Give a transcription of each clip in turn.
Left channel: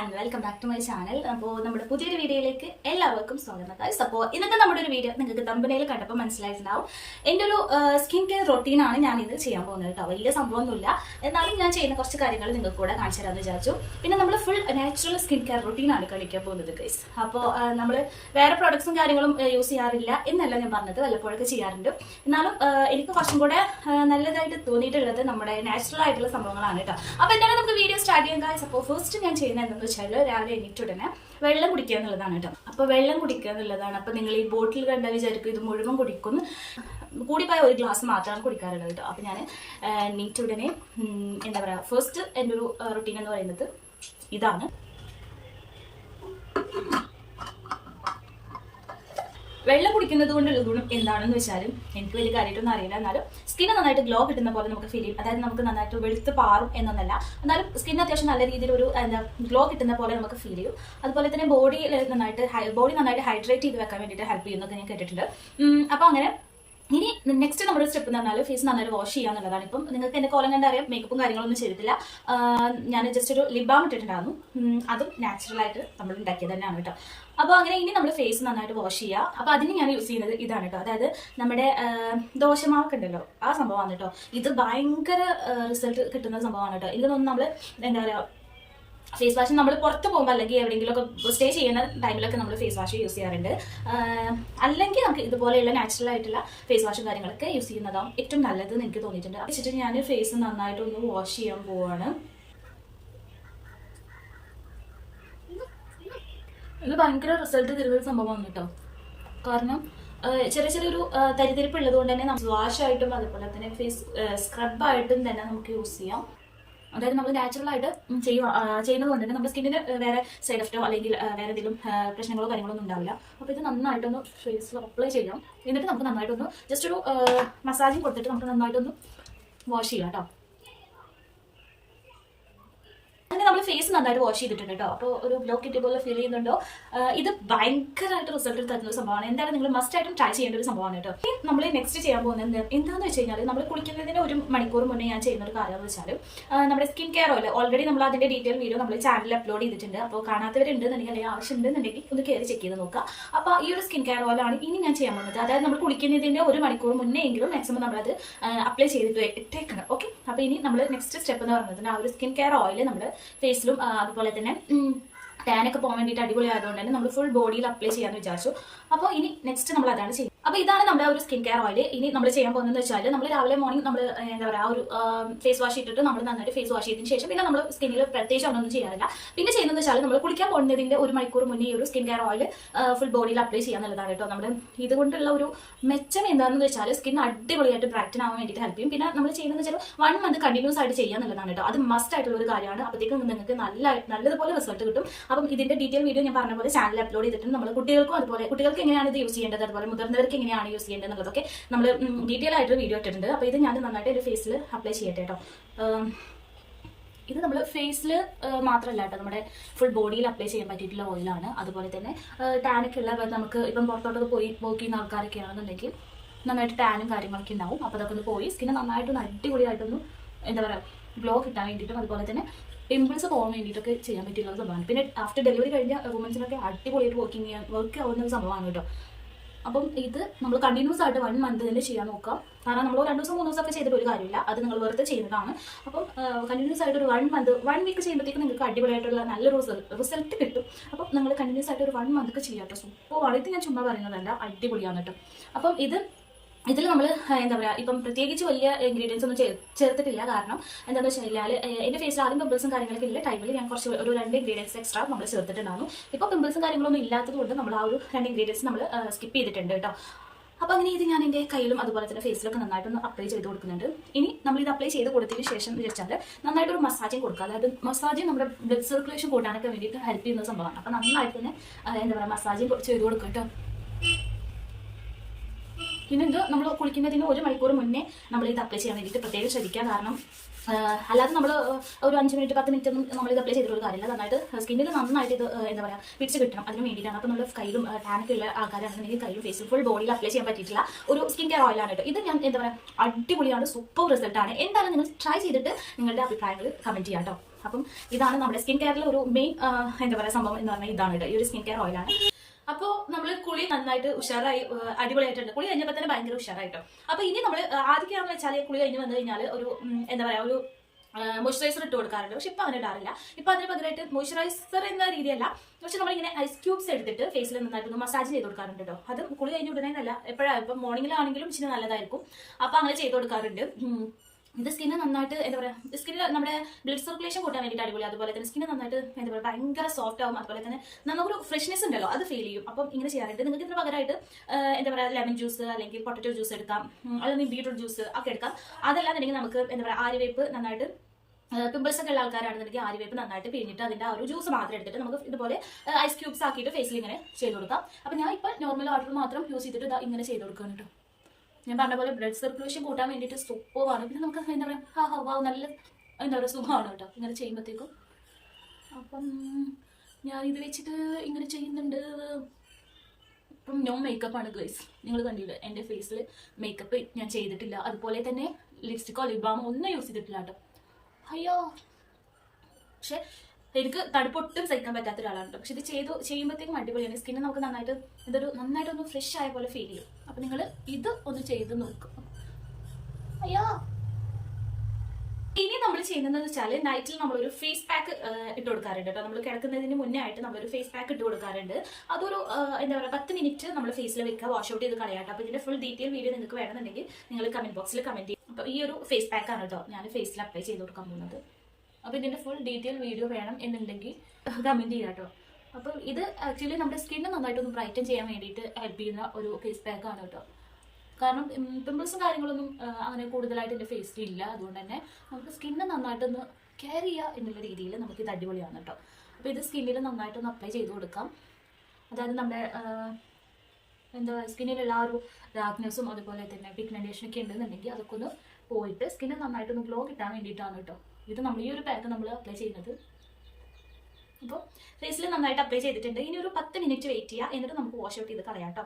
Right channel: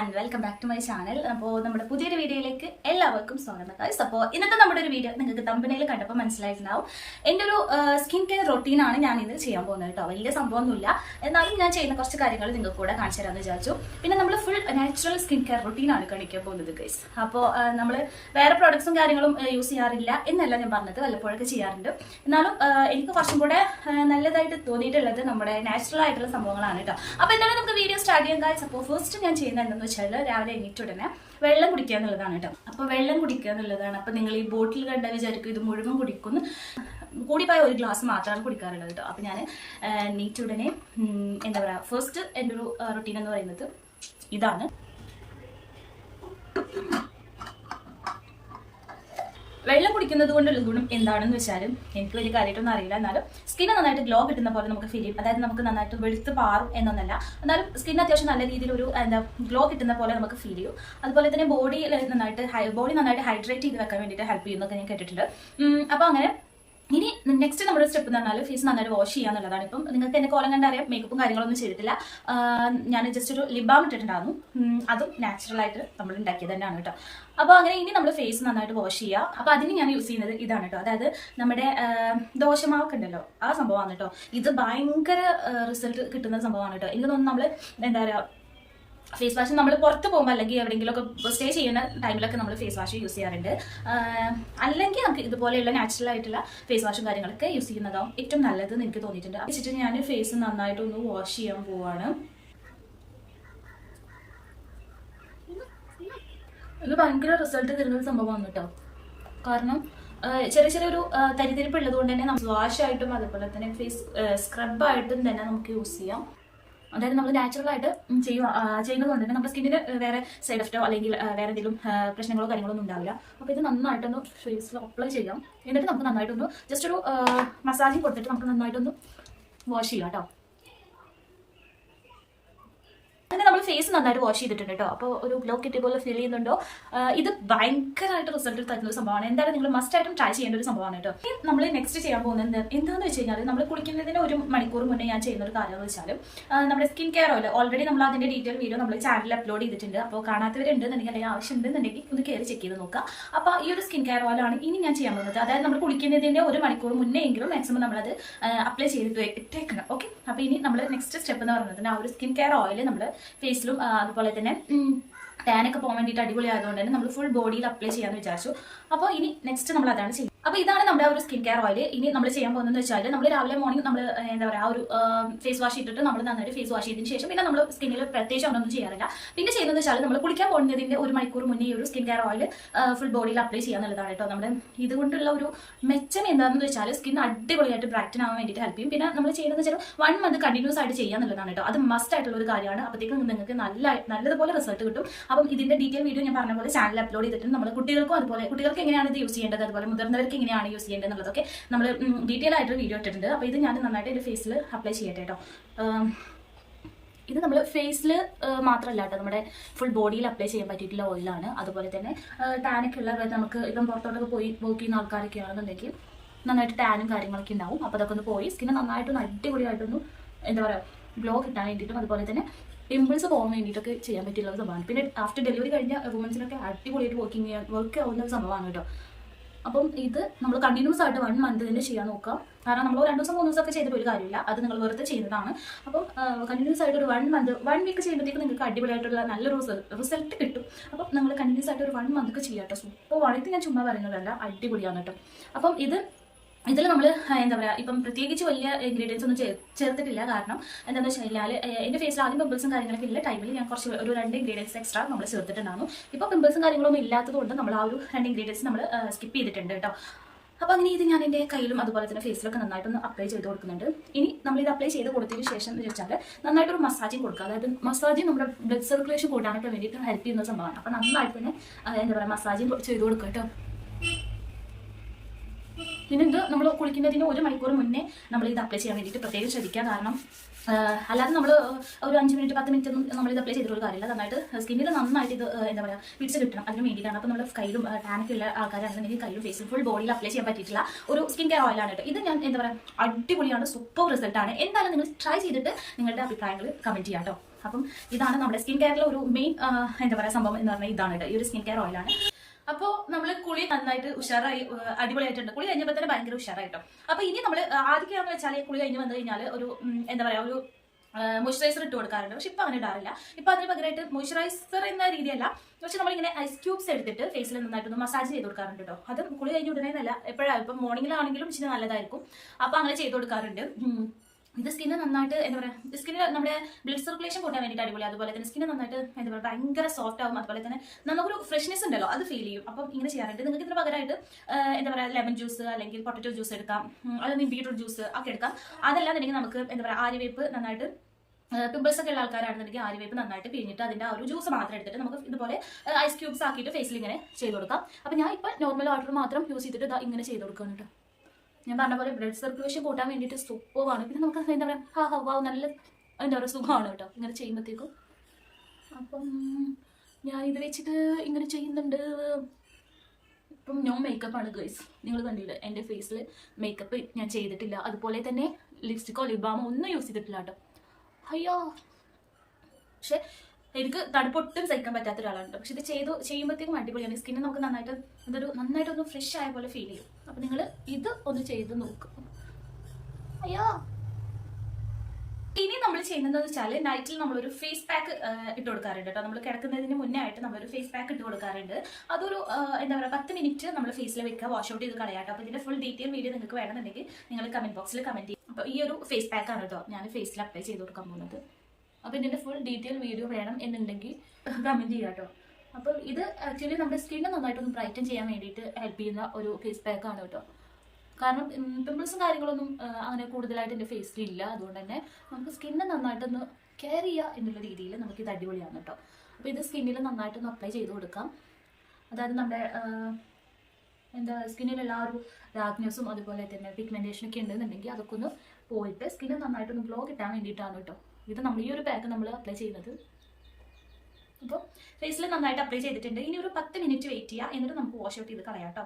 And welcome back to my channel. അപ്പോൾ നമ്മുടെ പുതിയൊരു വീഡിയോയിലേക്ക് എല്ലാവർക്കും സ്വാഗതം ഗൈസ്. അപ്പോൾ ഇന്നത്തെ നമ്മുടെ ഒരു വീഡിയോ നിങ്ങൾക്ക് തമ്പനയിൽ കണ്ടപ്പോൾ മനസ്സിലായിട്ടുണ്ടാവും. എൻ്റെ ഒരു സ്കിൻ കെയർ റൊട്ടീനാണ് ഞാൻ ഇന്ന് ചെയ്യാൻ പോകുന്നത് കേട്ടോ. വലിയ സംഭവമൊന്നുമില്ല, എന്നാലും ഞാൻ ചെയ്യുന്ന കുറച്ച് കാര്യങ്ങൾ നിങ്ങൾക്ക് കൂടെ കാണിച്ചു തരാമെന്ന് വിചാരിച്ചു. പിന്നെ നമ്മൾ ഫുൾ നാച്ചുറൽ സ്കിൻ കെയർ റൊട്ടീനാണ് കളിക്കാൻ പോകുന്നത് ഗൈസ്. അപ്പോൾ നമ്മൾ വേറെ പ്രോഡക്ട്സും കാര്യങ്ങളും യൂസ് ചെയ്യാറില്ല എന്നല്ല ഞാൻ പറഞ്ഞത്, വല്ലപ്പോഴൊക്കെ ചെയ്യാറുണ്ട്. എന്നാലും എനിക്ക് കുറച്ചും കൂടെ നല്ലതായിട്ട് തോന്നിയിട്ടുള്ളത് നമ്മുടെ നാച്ചുറൽ ആയിട്ടുള്ള സംഭവങ്ങളാണ് കേട്ടോ. അപ്പോൾ എന്തായാലും നമുക്ക് വീഡിയോ സ്റ്റാർട്ട് ചെയ്യാം ഗൈസ്. അപ്പോൾ ഫസ്റ്റ് ഞാൻ ചെയ്യുന്നത് എന്താണെന്ന് വെച്ചാൽ രാവിലെ എണീറ്റ് ഉടനെ വെള്ളം കുടിക്കുക എന്നുള്ളതാണ് കേട്ടോ. അപ്പോൾ വെള്ളം കുടിക്കുക എന്നുള്ളതാണ്. അപ്പോൾ നിങ്ങൾ ഈ ബോട്ടിൽ കണ്ടാൽ വിചാരിക്കും ഇത് മുഴുവൻ കുടിക്കുന്നു, കൂടിപ്പോയ ഒരു ഗ്ലാസ് മാത്രമാണ് കുടിക്കാറുള്ളത് കേട്ടോ. അപ്പോൾ ഞാൻ എണീറ്റ് ഉടനെ എന്താ പറയുക, ഫസ്റ്റ് എൻ്റെ ഒരു റൊട്ടീൻ എന്ന് പറയുന്നത് ഇതാണ്. വെള്ളം കുടിക്കുന്നത് കൊണ്ടുള്ള ഗുണം എന്താണെന്ന് വെച്ചാലും എനിക്ക് വലിയ കാര്യമായിട്ടൊന്നും അറിയില്ല. എന്നാലും സ്കിന്ന് നന്നായിട്ട് ഗ്ലോ കിട്ടുന്ന പോലെ നമുക്ക് ഫീൽ ചെയ്യും. അതായത് നമുക്ക് നന്നായിട്ട് വെളുത്ത് പാറും എന്നൊന്നല്ല, എന്നാലും സ്കിൻ അത്യാവശ്യം നല്ല രീതിയിൽ ഒരു ഗ്ലോ കിട്ടുന്ന പോലെ നമുക്ക് ഫീൽ ചെയ്യും. അതുപോലെ തന്നെ ബോഡി നന്നായിട്ട് ഹൈഡ്രേറ്റ് ചെയ്ത് വെക്കാൻ വേണ്ടിയിട്ട് ഹെൽപ്പ് ചെയ്യുന്നൊക്കെ ഞാൻ കേട്ടിട്ടുണ്ട്. അപ്പോൾ അങ്ങനെ ഇനി നെക്സ്റ്റ് നമ്മുടെ സ്റ്റെപ്പ് എന്ന് പറഞ്ഞാൽ ഫേസ് നന്നായിട്ട് വാഷ് ചെയ്യുക എന്നുള്ളതാണ്. ഇപ്പം നിങ്ങൾക്ക് എന്നെ കോലം കണ്ടറിയാം, മേക്കപ്പും കാര്യങ്ങളൊന്നും ചെയ്തിട്ടില്ല. ഞാൻ ജസ്റ്റ് ഒരു ലിപ് ബാം ഇട്ടിട്ടുണ്ടായിരുന്നു, അതും നാച്ചുറലായിട്ട് നമ്മൾ ഉണ്ടാക്കിയത് തന്നെയാണ് കേട്ടോ. അപ്പോൾ അങ്ങനെ ഇനി നമ്മൾ ഫേസ് നന്നായിട്ട് വാഷ് ചെയ്യുക. അപ്പോൾ അതിന് ഞാൻ യൂസ് ചെയ്യുന്നത് ഇതാണ് കേട്ടോ. അതായത് നമ്മുടെ ദോശമാവൊക്കെ ഉണ്ടല്ലോ, ആ സംഭവമാണ് കേട്ടോ. ഇത് ഭയങ്കര റിസൾട്ട് കിട്ടുന്ന സംഭവമാണ് കേട്ടോ. എനിക്ക് തോന്നുന്നു നമ്മൾ എന്താ പറയുക, ഫേസ് വാഷ് നമ്മൾ പുറത്ത് പോകുമ്പോൾ അല്ലെങ്കിൽ എവിടെയെങ്കിലുമൊക്കെ സ്റ്റേ ചെയ്യുന്ന ടൈമിലൊക്കെ നമ്മൾ ഫേസ് വാഷ് യൂസ് ചെയ്യാറുണ്ട്. അല്ലെങ്കിൽ നമുക്ക് ഇതുപോലെയുള്ള നാച്ചുറൽ ആയിട്ടുള്ള ഫേസ് വാഷും കാര്യങ്ങളൊക്കെ യൂസ് ചെയ്യുന്നതാവും ഏറ്റവും നല്ലതെന്ന് എനിക്ക് തോന്നിയിട്ടുണ്ട്. വെച്ചിട്ട് ഞാൻ ഫേസ് നന്നായിട്ടൊന്ന് വാഷ് ചെയ്യാൻ പോവാണ്. ഇത് ഭയങ്കര റിസൾട്ട് തരുന്ന സംഭവമാണ് കേട്ടോ. കാരണം ചെറിയ ചെറിയൊരു തരിതിരിപ്പ് ഉള്ളത് കൊണ്ട് തന്നെ നമുക്ക് വാഷായിട്ടും അതുപോലെ തന്നെ ഫേസ് സ്ക്രബായിട്ടും തന്നെ നമുക്ക് യൂസ് ചെയ്യാം. അതായത് നമ്മൾ നാച്ചുറലായിട്ട് ചെയ്യുന്നത് കൊണ്ട് തന്നെ നമ്മുടെ സ്കിന്നിന് വേറെ സൈഡ് എഫക്റ്റോ അല്ലെങ്കിൽ വേറെ എന്തെങ്കിലും പ്രശ്നങ്ങളോ കാര്യങ്ങളോ ഒന്നും ഉണ്ടാവില്ല. അപ്പോൾ ഇത് നന്നായിട്ടൊന്ന് ഫേസിൽ അപ്ലൈ ചെയ്യാം. എന്നിട്ട് നമുക്ക് നന്നായിട്ടൊന്ന് ജസ്റ്റ് ഒരു മസാജിങ് കൊടുത്തിട്ട് നമുക്ക് നന്നായിട്ടൊന്ന് വാഷ് ചെയ്യാം കേട്ടോ. അങ്ങനെ നമ്മൾ ഫേസ് നന്നായിട്ട് വാഷ് ചെയ്തിട്ടുണ്ട് കേട്ടോ. അപ്പോൾ ഒരു ഗ്ലോ കിട്ടിയ പോലെ ഫീൽ ചെയ്യുന്നുണ്ടോ? ഇത് ഭയങ്കരമായിട്ട് റിസൾട്ട് തരുന്ന ഒരു സംഭവമാണ്. എന്തായാലും നിങ്ങൾ മസ്റ്റ് ആയിട്ടും ട്രൈ ചെയ്യേണ്ട ഒരു സംഭവമാണ് കേട്ടോ. നമ്മൾ നെക്സ്റ്റ് ചെയ്യാൻ പോകുന്നത് എന്താണെന്ന് വെച്ച് കഴിഞ്ഞാൽ, നമ്മൾ കുളിക്കുന്നതിന് 1 മണിക്കൂർ മുന്നേ ഞാൻ ചെയ്യുന്ന ഒരു കാര്യം എന്ന് വെച്ചാൽ നമ്മുടെ സ്കിൻ കെയർ ഓയിൽ ഓൾറെഡി നമ്മൾ അതിന്റെ ഡീറ്റെയിൽ വീഡിയോ നമ്മൾ ചാനലിൽ അപ്ലോഡ് ചെയ്തിട്ടുണ്ട്. അപ്പോൾ കാണാത്തവരുണ്ടെന്നുണ്ടെങ്കിൽ അല്ലെങ്കിൽ ആവശ്യം ഉണ്ടെന്നുണ്ടെങ്കിൽ ഒന്ന് കയറി ചെക്ക് ചെയ്ത് നോക്കുക. അപ്പോൾ ഈ ഒരു സ്കിൻ കെയർ ഓയിലാണ് ഇനി ഞാൻ ചെയ്യാൻ പോകുന്നത്. അതായത് നമ്മൾ കുളിക്കുന്നതിന്റെ 1 മണിക്കൂർ മുന്നേ എങ്കിലും മാക്സിമം നമ്മളത് അപ്ലൈ ചെയ്തിട്ട് ഇട്ടേക്കണം. ഓക്കെ, അപ്പോൾ ഇനി നമ്മൾ നെക്സ്റ്റ് സ്റ്റെപ്പ് എന്ന് പറയുന്നത് ആ ഒരു സ്കിൻ കെയർ ഓയിൽ നമ്മൾ ഫേസിലും അതുപോലെ തന്നെ ടാനൊക്കെ പോകാൻ വേണ്ടിയിട്ട് അടിപൊളി ആയതുകൊണ്ട് തന്നെ നമ്മൾ ഫുൾ ബോഡിയിൽ അപ്ലൈ ചെയ്യാമെന്ന് വിചാരിച്ചു. അപ്പോൾ ഇനി നെക്സ്റ്റ് നമ്മൾ അതാണ് ചെയ്യുന്നത്. അപ്പോൾ ഇതാണ് നമ്മുടെ ഒരു സ്കിൻ കെയർ ഓയിൽ. ഇനി നമ്മൾ ചെയ്യാൻ പോകുന്നതെന്ന് വെച്ചാൽ, നമ്മൾ രാവിലെ മോർണിംഗ് നമ്മൾ എന്താ പറയുക, ഒരു ഫേസ് വാഷ് ഇട്ടിട്ട് നമ്മൾ നന്നായിട്ട് ഫേസ് വാഷ് ചെയ്തതിന് ശേഷം പിന്നെ നമ്മൾ സ്കിന്നിൽ പ്രത്യേകിച്ച് ഒന്നും ചെയ്യാറില്ല. പിന്നെ ചെയ്യുന്നതെന്ന് വെച്ചാൽ നമ്മൾ കുളിക്കാൻ പോകുന്നതിന്റെ 1 മണിക്കൂർ മുന്നേ ഈ ഒരു സ്കിൻ കെയർ ഓയിൽ ഫുൾ ബോഡിയിൽ അപ്ലൈ ചെയ്യാന്നുള്ളതാണ് കേട്ടോ. നമ്മുടെ ഇതുകൊണ്ടുള്ള ഒരു മെച്ചം എന്താണെന്ന് വെച്ചാൽ സ്കിൻ അടിപൊളിയായിട്ട് ബ്രൈറ്റൻ ആവാൻ വേണ്ടിയിട്ട് ഹെൽപ്പ് ചെയ്യും. പിന്നെ നമ്മൾ ചെയ്യുന്നത് വെച്ചാൽ 1 മന്ത് കണ്ടിന്യൂസ് ആയിട്ട് ചെയ്യാന്നുള്ളതാണ് കേട്ടോ. അത് മസ്റ്റ് ആയിട്ടുള്ള ഒരു കാര്യമാണ്. അപ്പോഴത്തേക്കും നിങ്ങൾക്ക് നല്ലതുപോലെ റിസൾട്ട് കിട്ടും. അപ്പം ഇതിന്റെ ഡീറ്റെയിൽ വീഡിയോ ഞാൻ പറഞ്ഞ പോലെ ചാനൽ അപ്ലോഡ് ചെയ്തിട്ടുണ്ട്. നമ്മൾ കുട്ടികൾക്കും അതുപോലെ കുട്ടികൾക്ക് എങ്ങനെയാണ് ഇത് യൂസ് ചെയ്യേണ്ടത്, അതുപോലെ മുതിർന്നവർക്ക് എങ്ങനെയാണ് യൂസ് ചെയ്യേണ്ടത് എന്നുള്ളതൊക്കെ നമ്മൾ ഡീറ്റെയിൽ ആയിട്ട് വീഡിയോ ഇട്ടിട്ടുണ്ട്. അപ്പോൾ ഇത് ഞാൻ നന്നായിട്ട് എൻ്റെ ഫേസിൽ അപ്ലൈ ചെയ്യട്ടെ കേട്ടോ. ഇത് നമ്മൾ ഫേസിൽ മാത്രമല്ല കേട്ടോ, നമ്മുടെ ഫുൾ ബോഡിയിൽ അപ്ലൈ ചെയ്യാൻ പറ്റിയിട്ടുള്ള ഓയിലാണ്. അതുപോലെ തന്നെ ടാനൊക്കെ ഉള്ള, നമുക്ക് ഇപ്പം പുറത്തോട്ടൊക്കെ പോയി വർക്ക് ചെയ്യുന്ന ആൾക്കാരൊക്കെ ആണെന്നുണ്ടെങ്കിൽ നന്നായിട്ട് ടാനും കാര്യങ്ങളൊക്കെ ഉണ്ടാവും. അപ്പോൾ അതൊക്കെ ഒന്ന് പോയി സ്കിന്ന് നന്നായിട്ടൊന്ന് അടിപൊളിയായിട്ടൊന്ന് എന്താ പറയുക, ഗ്ലോ കിട്ടാൻ വേണ്ടിയിട്ടും അതുപോലെ തന്നെ പിമ്പിൾസ് പോകാൻ വേണ്ടിയിട്ടൊക്കെ ചെയ്യാൻ പറ്റിയുള്ള ഒരു സംഭവമാണ്. പിന്നെ ആഫ്റ്റർ ഡെലിവറി കഴിഞ്ഞ വുമൻസിനൊക്കെ അടിപൊളിയായിട്ട് വർക്ക് ആവുന്ന ഒരു സംഭവമാണ് കേട്ടോ. അപ്പം ഇത് നമ്മൾ കണ്ടിന്യൂസ് ആയിട്ട് 1 മന്ത് തന്നെ ചെയ്യാൻ നോക്കാം. കാരണം നമ്മൾ 2 ദിവസം 3 ദിവസമൊക്കെ ചെയ്തിട്ട് ഒരു കാര്യമില്ല, അത് നിങ്ങൾ വെറുതെ ചെയ്യുന്നതാണ്. അപ്പം കണ്ടിന്യൂസ് ആയിട്ട് ഒരു 1 മന്ത് 1 വീക്ക് ചെയ്യുമ്പോഴത്തേക്ക് നിങ്ങൾക്ക് അടിപൊളിയായിട്ടുള്ള നല്ലൊരു റിസൾട്ട് കിട്ടും. അപ്പം നിങ്ങൾ കണ്ടിന്യൂസ് ആയിട്ട് ഒരു 1 മന്ത് ഒക്കെ ചെയ്യാം കേട്ടോ. സൂപ്പർ, ഇത് ഞാൻ ചുമ്മാ പറയുന്നതല്ല, അടിപൊളിയാണ് കേട്ടോ. അപ്പം ഇതിൽ നമ്മൾ എന്താ പറയുക, ഇപ്പം പ്രത്യേകിച്ച് വലിയ ഇൻഗ്രീഡിയൻസ് ഒന്നും ചേർത്തിട്ടില്ല. കാരണം എന്താണെന്ന് വെച്ച് കഴിഞ്ഞാൽ എൻ്റെ ഫേസിൽ ആദ്യം പിമ്പിൾസും കാര്യങ്ങളൊക്കെ ഉള്ള ടൈമിൽ ഞാൻ കുറച്ച് ഒരു 2 ഇൻഗ്രീഡിയൻസ് എക്സ്ട്രാ നമ്മൾ ചേർത്തിട്ടുണ്ടായിരുന്നു. ഇപ്പോൾ പിമ്പിൾസും കാര്യങ്ങളൊന്നും ഇല്ലാത്തതുകൊണ്ട് നമ്മൾ ആ ഒരു 2 ഇൻഗ്രീഡിയൻസ് നമ്മൾ സ്കിപ്പ് ചെയ്തിട്ടുണ്ട് കേട്ടോ. അപ്പോൾ അങ്ങനെ ഇത് ഞാൻ എൻ്റെ കയ്യിലും അതുപോലെ തന്നെ ഫേസിലൊക്കെ നന്നായിട്ടൊന്ന് അപ്ലൈ ചെയ്ത് കൊടുക്കുന്നുണ്ട്. ഇനി നമ്മൾ ഇത് അപ്ലൈ ചെയ്ത് കൊടുത്തതിന് ശേഷം എന്ന് വെച്ചാൽ നന്നായിട്ടൊരു മസാജിങ് കൊടുക്കുക. അതായത് മസാജിങ് നമ്മുടെ ബ്ലഡ് സർക്കുലേഷൻ കൂട്ടാനൊക്കെ വേണ്ടിയിട്ട് ഹെൽപ്പ് ചെയ്യുന്ന സംഭവമാണ്. അപ്പോൾ നന്നായിട്ട് തന്നെ എന്താ പറയുക, മസാജിങ് ചെയ്ത് കൊടുക്കുക കേട്ടോ. പിന്നെ ഇത് നമ്മൾ കുളിക്കുന്നതിന് 1 മണിക്കൂർ മുന്നേ നമ്മൾ ഇത് അപ്ലൈ ചെയ്യാൻ വേണ്ടിയിട്ട് പ്രത്യേകം ശ്രദ്ധിക്കുക. കാരണം അല്ലാതെ നമ്മൾ ഒരു 5 മിനിറ്റ് 10 മിനിറ്റ് ഒന്നും നമ്മൾ ഇത് അപ്ലൈ ചെയ്തിട്ടൊരു കാര്യമില്ല. നന്നായിട്ട് സ്കിന്നിൽ നന്നായിട്ട് ഇത് എന്താ പറയുക, പിടിച്ച് കിട്ടണം. അതിന് വേണ്ടിയിട്ടാണ്. അപ്പോൾ നമ്മൾ കയ്യിലും ടാനൊക്കെ ഉള്ള ആൾക്കാരാണെന്നുണ്ടെങ്കിൽ കയ്യിലും ഫേസിലും ഫുൾ ബോഡിയിൽ അപ്ലൈ ചെയ്യാൻ പറ്റിയിട്ടുള്ള ഒരു സ്കിൻ കെയർ ഓയിലാണ് കേട്ടോ. ഇത് ഞാൻ എന്താ പറയുക, അടിപൊളിയാണ്, സൂപ്പർ റിസൾട്ടാണ്. എന്തായാലും നിങ്ങൾ ട്രൈ ചെയ്തിട്ട് നിങ്ങളുടെ അഭിപ്രായങ്ങൾ കമൻറ്റ് ചെയ്യാം കേട്ടോ. അപ്പം ഇതാണ് നമ്മുടെ സ്കിൻ കെയറിലെ ഒരു മെയിൻ എന്താ പറയുക സംഭവം എന്ന് പറഞ്ഞാൽ ഇതാണ് കേട്ടോ, ഈ ഒരു സ്കിൻ കെയർ ഓയിലാണ്. അപ്പോൾ നമ്മൾ കുളി നന്നായിട്ട് ഉഷാറായി അടിപൊളിയായിട്ടുണ്ട്. കുളി കഴിഞ്ഞപ്പോൾ തന്നെ ഭയങ്കര ഉഷാറായിട്ടോ. അപ്പോൾ ഇനി നമ്മൾ ആദ്യമൊക്കെയാണെന്ന് വെച്ചാൽ കുളി കഴിഞ്ഞ് വന്നു കഴിഞ്ഞാൽ ഒരു എന്താ പറയുക ഒരു മോയ്സ്ചറൈസർ ഇട്ട് കൊടുക്കാറുണ്ട്. പക്ഷെ ഇപ്പൊ അങ്ങനെ ഇടാറില്ല. ഇപ്പൊ അതിന് പകരമായിട്ട് മോയ്സ്ചറൈസർ എന്ന രീതിയല്ല, പക്ഷെ നമ്മളിങ്ങനെ ഐസ് ക്യൂബ്സ് എടുത്തിട്ട് ഫേസിൽ നന്നായിട്ടൊന്ന് മസാജ് ചെയ്ത് കൊടുക്കാറുണ്ട് കേട്ടോ. അതും കുളി കഴിഞ്ഞ് ഉടനെന്നല്ല, എപ്പോഴാണ് ഇപ്പം മോർണിംഗിലാണെങ്കിലും ഇച്ചിരി നല്ലതായിരിക്കും. അപ്പൊ അങ്ങനെ ചെയ്ത് കൊടുക്കാറുണ്ട്. ഇത് സ്കിന്ന് നന്നായിട്ട് എന്താ പറയുക, സ്കിന്ന് നമ്മുടെ ബ്ലഡ് സർക്കുലേഷൻ കൂട്ടാൻ വേണ്ടിയിട്ട് അടിപൊളി. അതുപോലെ തന്നെ സ്കിന്ന് നന്നായിട്ട് എന്താ പറയുക ഭയങ്കര സോഫ്റ്റ് ആവും. അതുപോലെ തന്നെ നമുക്കൊരു ഫ്രഷ്നെസ് ഉണ്ടല്ലോ, അത് ഫീൽ ചെയ്യും. അപ്പം ഇങ്ങനെ ചെയ്യാറുണ്ട്. നിങ്ങൾക്ക് ഇതിന് പകരമായിട്ട് എന്താ പറയുക ലെമൺ ജ്യൂസ് അല്ലെങ്കിൽ പൊട്ടറ്റോ ജ്യൂസ് എടുക്കാം, അല്ലെങ്കിൽ ബീട്രൂട്ട് ജ്യൂസ് ഒക്കെ എടുക്കാം. അതല്ലാന്നുണ്ടെങ്കിൽ നമുക്ക് എന്താ പറയുക ആര്യവേപ്പ് നന്നായിട്ട് പിമ്പിൾസ് ഒക്കെ ഉള്ള ആൾക്കാരാണെന്നുണ്ടെങ്കിൽ ആര്യവേപ്പ് നന്നായിട്ട് പിഴിഞ്ഞിട്ട് അതിന്റെ ആ ഒരു ജ്യൂസ് മാത്രം എടുത്തിട്ട് നമുക്ക് ഇതുപോലെ ഐസ് ക്യൂബ്സ് ആക്കിയിട്ട് ഫേസിൽ ഇങ്ങനെ ചെയ്ത് കൊടുക്കാം. അപ്പം ഞാൻ ഇപ്പം നോർമൽ വാട്ടർ മാത്രം യൂസ് ചെയ്തിട്ട് ഇങ്ങനെ ചെയ്ത് കൊടുക്കുകയാണ് കേട്ടോ. ഞാൻ പറഞ്ഞ പോലെ ബ്ലഡ് സർക്കുലേഷൻ കൂട്ടാൻ വേണ്ടിയിട്ട് സൂപ്പറാണ്. പിന്നെ നമുക്ക് എന്താ പറയുക വാവ് നല്ല എന്താ പറയുക സുഖമാണ് കേട്ടോ ഇങ്ങനെ ചെയ്യുമ്പോഴത്തേക്കും. അപ്പം ഞാൻ ഇത് വെച്ചിട്ട് ഇങ്ങനെ ചെയ്യുന്നുണ്ട്. ഇപ്പം നോ മേക്കപ്പ് ആണ് ഗൈസ്, നിങ്ങൾ കണ്ടില്ല എൻ്റെ ഫേസിൽ മേക്കപ്പ് ഞാൻ ചെയ്തിട്ടില്ല. അതുപോലെ തന്നെ ലിപ്സ്റ്റിക്കോ ലിബാമോ ഒന്നും യൂസ് ചെയ്തിട്ടില്ല കേട്ടോ. അയ്യോ, പക്ഷെ എനിക്ക് തണുപ്പൊട്ടും സഹിക്കാൻ പറ്റാത്ത ഒരാളാണ് കേട്ടോ. പക്ഷെ ഇത് ചെയ്യുമ്പോഴത്തേക്കും അടിപൊളിയാണ്. സ്കിന്ന് നമുക്ക് നന്നായിട്ടൊന്ന് ഫ്രഷ് ആയ പോലെ ഫീൽ ചെയ്യും. അപ്പൊ നിങ്ങൾ ഇത് ഒന്ന് ചെയ്ത് നോക്കും. അയ്യോ, ഇനി നമ്മൾ ചെയ്യുന്നതെന്ന് വെച്ചാൽ നൈറ്റിൽ നമ്മളൊരു ഫേസ് പാക്ക് ഇട്ട് കൊടുക്കാറുണ്ട് കേട്ടോ. നമ്മൾ കിടക്കുന്നതിന് മുന്നേ ആയിട്ട് നമ്മളൊരു ഫേസ് പാക്ക് ഇട്ട് കൊടുക്കാറുണ്ട്. അതൊരു എന്താ പറയുക 10 മിനിറ്റ് നമ്മൾ ഫേസിൽ വെക്കുക, വാഷ് ഔട്ട് ചെയ്ത് കളയാട്ടോ. അപ്പോൾ ഇതിന്റെ ഫുൾ ഡീറ്റെയിൽ വീഡിയോ നിങ്ങൾക്ക് വേണമെന്നുണ്ടെങ്കിൽ നിങ്ങൾ കമന്റ് ബോക്സിൽ കമന്റ് ചെയ്യും. അപ്പോൾ ഈ ഒരു ഫേസ് പാക്ക് ആണ് കേട്ടോ ഞാൻ ഫേസിൽ അപ്ലൈ ചെയ്ത് കൊടുക്കാൻ പോകുന്നത്. അപ്പോൾ ഇതിന്റെ ഫുൾ ഡീറ്റെയിൽ വീഡിയോ വേണം എന്നുണ്ടെങ്കിൽ കമന്റ് ചെയ്യാം കേട്ടോ. അപ്പോൾ ഇത് ആക്ച്വലി നമ്മുടെ സ്കിന്ന് നന്നായിട്ടൊന്ന് ബ്രൈറ്റൻ ചെയ്യാൻ വേണ്ടിയിട്ട് ഹെൽപ്പ് ചെയ്യുന്ന ഒരു ഫേസ് പാക്ക് ആണ് കേട്ടോ. കാരണം പിമ്പിൾസും കാര്യങ്ങളൊന്നും അങ്ങനെ കൂടുതലായിട്ട് എൻ്റെ ഫേസിൽ ഇല്ല. അതുകൊണ്ട് തന്നെ നമുക്ക് സ്കിന്ന് നന്നായിട്ടൊന്ന് കെയർ ചെയ്യുക എന്നുള്ള രീതിയിൽ നമുക്ക് ഇത് അടിപൊളിയാണ് കേട്ടോ. അപ്പോൾ ഇത് സ്കിന്നിൽ നന്നായിട്ടൊന്ന് അപ്ലൈ ചെയ്ത് കൊടുക്കാം. അതായത് നമ്മുടെ എന്താ സ്കിന്നിലുള്ള ആ ഒരു ഡാർക്ക്നെസ്സും അതുപോലെ തന്നെ പിഗ്മെന്റേഷനൊക്കെ ഉണ്ടെന്നുണ്ടെങ്കിൽ അതൊക്കെ ഒന്ന് പോയിട്ട് സ്കിന്ന് നന്നായിട്ടൊന്ന് ഗ്ലോ കിട്ടാൻ വേണ്ടിയിട്ടാണ് കേട്ടോ ഇത് നമ്മൾ ഈ ഒരു പാക്ക് നമ്മൾ അപ്ലൈ ചെയ്യുന്നത്. അപ്പോൾ ഫേസിൽ നന്നായിട്ട് അപ്ലൈ ചെയ്തിട്ടുണ്ട്. ഇനി ഒരു 10 മിനിറ്റ് വെയിറ്റ് ചെയ്യുക, എന്നിട്ട് നമുക്ക് വാഷ് ഔട്ട് ചെയ്ത് കളയാം കേട്ടോ.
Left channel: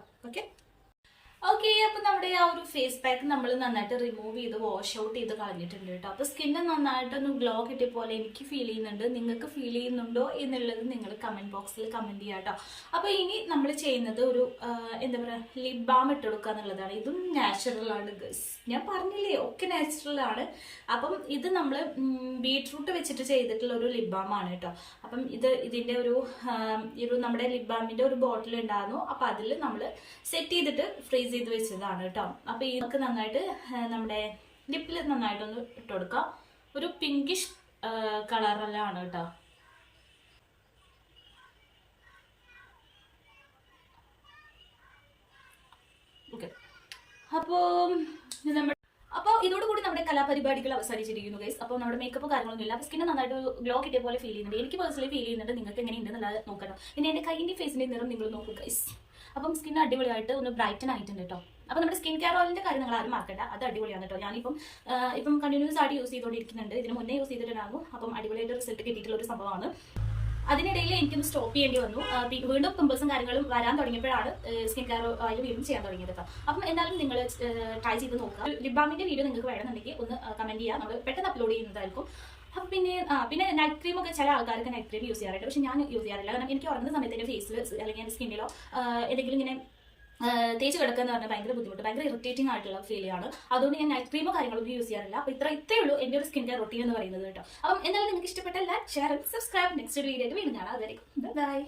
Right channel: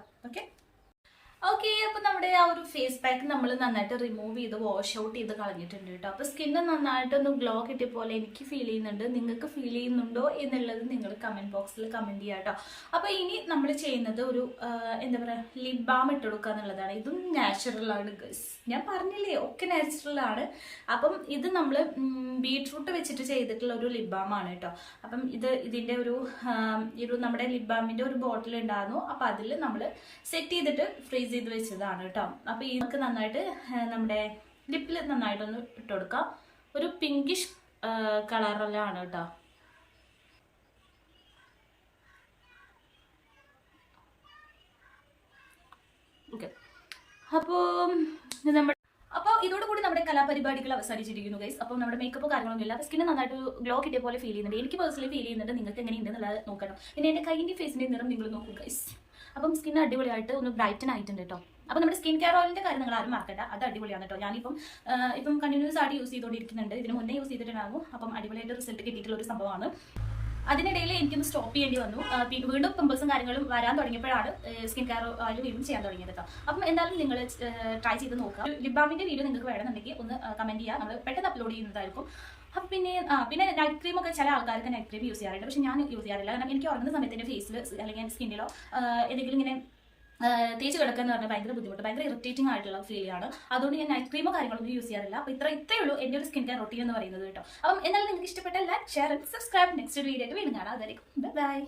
ഓക്കെ, അപ്പൊ നമ്മുടെ ആ ഒരു ഫേസ് പാക്ക് നമ്മൾ നന്നായിട്ട് റിമൂവ് ചെയ്ത് വാഷ് ഔട്ട് ചെയ്ത് കളഞ്ഞിട്ടുണ്ട് കേട്ടോ. അപ്പൊ സ്കിന്ന് നന്നായിട്ടൊന്ന് ഗ്ലോ കിട്ടിയ പോലെ എനിക്ക് ഫീൽ ചെയ്യുന്നുണ്ട്. നിങ്ങൾക്ക് ഫീൽ ചെയ്യുന്നുണ്ടോ എന്നുള്ളത് നിങ്ങൾ കമന്റ് ബോക്സിൽ കമന്റ് ചെയ്യാം കേട്ടോ. അപ്പൊ ഇനി നമ്മൾ ചെയ്യുന്നത് ഒരു എന്താ പറയാ ലിപ് ബാം ഇട്ട് കൊടുക്കുക എന്നുള്ളതാണ്. ഇതും നാച്ചുറൽ ആണ് ഗൈസ്, ഞാൻ പറഞ്ഞില്ലേ ഒക്കെ നാച്ചുറൽ ആണ്. അപ്പം ഇത് നമ്മൾ ബീട്രൂട്ട് വെച്ചിട്ട് ചെയ്തിട്ടുള്ള ഒരു ലിപ് ബാം ആണ് കേട്ടോ. അപ്പം ഇതിന്റെ ഒരു നമ്മുടെ ലിപ് ബാമിന്റെ ഒരു ബോട്ടിൽ ഉണ്ടായിരുന്നു. അപ്പൊ അതിൽ നമ്മൾ സെറ്റ് ചെയ്തിട്ട് ഫ്രീസ് ചെയ്ത് വെച്ചതാണ് കേട്ടോ. അപ്പൊ ഇതൊക്കെ നന്നായിട്ട് നമ്മുടെ ലിപ്പിൽ നന്നായിട്ടൊന്ന് ഇട്ട് കൊടുക്കാം. ഒരു പിങ്കിഷ് കളറിലാണ് കേട്ടോ. ഓക്കെ, അപ്പോൾ ഇതോടുകൂടി നമ്മുടെ കലാപരിപാടികൾ അവസാനിച്ചിരിക്കുന്നു ഗൈസ്. അപ്പോൾ നമ്മുടെ മേക്കപ്പ് കാര്യങ്ങളൊന്നും ഇല്ല. അപ്പോൾ സ്കിന്ന് നന്നായിട്ട് ഗ്ലോ കിട്ടിയ പോലെ ഫീൽ ചെയ്യുന്നുണ്ട്. എനിക്ക് പേഴ്സണലി ഫീൽ ചെയ്യുന്നുണ്ട്. നിങ്ങൾക്ക് എങ്ങനെയുണ്ടെന്നുള്ളത് നോക്കണം. പിന്നെ എൻ്റെ കൈയിൻ്റെ ഫേസിൻ്റെ നിറം നിങ്ങൾ നോക്കൂ ഗൈസ്. അപ്പം സ്കിൻ അടിപൊളിയായിട്ട് ഒന്ന് ബ്രൈറ്റൻ ആയിട്ടുണ്ട് കേട്ടോ. അപ്പോൾ നമ്മുടെ സ്കിൻ കെയർ ഓയിലിന്റെ കാര്യം നിങ്ങൾ ആരും മറക്കണ്ട, അത് അടിപൊളിയാണ് കേട്ടോ. ഞാനിപ്പം കണ്ടിന്യൂസ് ആയിട്ട് യൂസ് ചെയ്തുകൊണ്ടിരിക്കുന്നുണ്ട്. ഇതിന് മുന്നേ യൂസ് ചെയ്തിട്ടുണ്ടാകും. അപ്പം അടിപൊളിയായിട്ട് റിസൾട്ട് കിട്ടിയിട്ടുള്ള ഒരു സംഭവമാണ്. അതിനിടയിൽ എനിക്കൊന്ന് സ്റ്റോപ്പ് ചെയ്യേണ്ടി വന്നു. വീണ്ടും പിമ്പിൾസും കാര്യങ്ങളും വരാൻ തുടങ്ങിയപ്പോഴാണ് സ്കിൻ കെയർ ഓയിൽ വീണ്ടും ചെയ്യാൻ തുടങ്ങിയത് കേട്ടോ. അപ്പം എന്തായാലും നിങ്ങൾ ട്രൈ ചെയ്ത് നോക്കുക. ലിപ് ബാമിന്റെ വീഡിയോ നിങ്ങൾക്ക് വേണമെന്നുണ്ടെങ്കിൽ ഒന്ന് കമന്റ് ചെയ്യുക, നമ്മൾ പെട്ടെന്ന് അപ്ലോഡ് ചെയ്യുന്നതായിരിക്കും. അപ്പം പിന്നെ നൈറ്റ് ക്രീം ഒക്കെ ചില ആൾക്കാർക്ക് നൈറ്റ് ക്രീം യൂസ് ചെയ്യാറുണ്ട്. പക്ഷെ ഞാൻ യൂസ് ചെയ്യാറില്ല. കാരണം എനിക്ക് ഉറങ്ങുന്ന സമയത്ത് എൻ്റെ ഫേസിൽ അല്ലെങ്കിൽ എൻ്റെ സ്കിന്നിലോ എന്തെങ്കിലും ഇങ്ങനെ തേച്ച് കിടക്കുക എന്ന് പറഞ്ഞാൽ ഭയങ്കര ബുദ്ധിമുട്ട്, ഭയങ്കര ഇറിറ്റേറ്റിംഗ് ആയിട്ടുള്ള ഫീൽ ആണ്. അതുകൊണ്ട് ഞാൻ നൈറ്റ് ക്രീമോ കാര്യങ്ങളൊന്നും യൂസ് ചെയ്യാറില്ല. അപ്പോൾ ഇത്രയേ ഉള്ളൂ എൻ്റെ ഒരു സ്കിൻ കെയർ റൊട്ടീൻ എന്ന് പറയുന്നത് കേട്ടോ. അപ്പം എന്നാലും നിങ്ങൾക്ക് ഇഷ്ടപ്പെട്ട like, share, subscribe. Next video ആയിട്ട് വീണ്ടും കാണാം. അതായിരിക്കും ബൈ.